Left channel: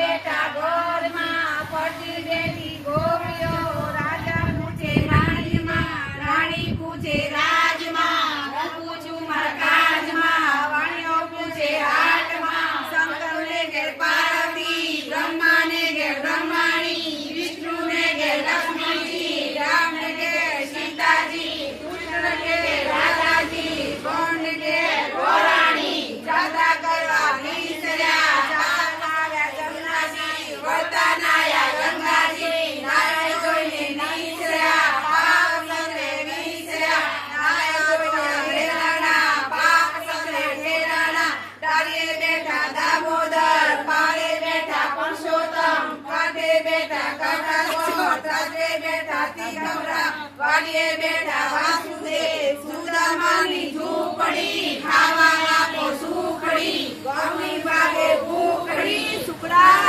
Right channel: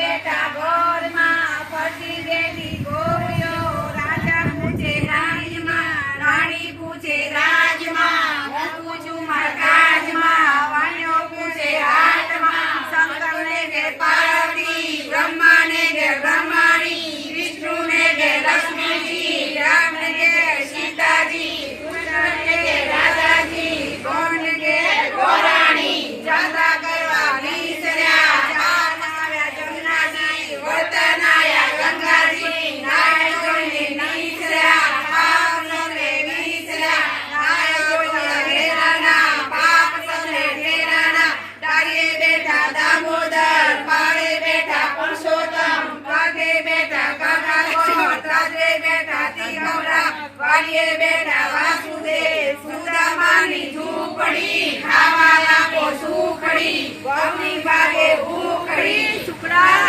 બેઠા ગોરમાં ફરતી બેઠી ગોરીઓ રાજા પૂછે રાજમાં રાણી પૂછે રાજમાં હું પૂછું મારા કાજમાં વાણિયો પૂછે હાટમાં શંકરને ઘેર પાર્વતી બ્રહ્માને ઘેર બ્રહ્માણી વિષ્ણુને ઘેર લક્ષ્મીજી રામને ઘેર સીતાજી કૃષ્ણને ઘેર રાધાજી ગોણને ઘેર ગોરાણી જાતા કરવા નીસર્યા બેઠા વાસુદેવ સુદામાની ઝૂંપડી ખાવા આપો સુખડી ગમી ગાગે ભૂખડી સુકડા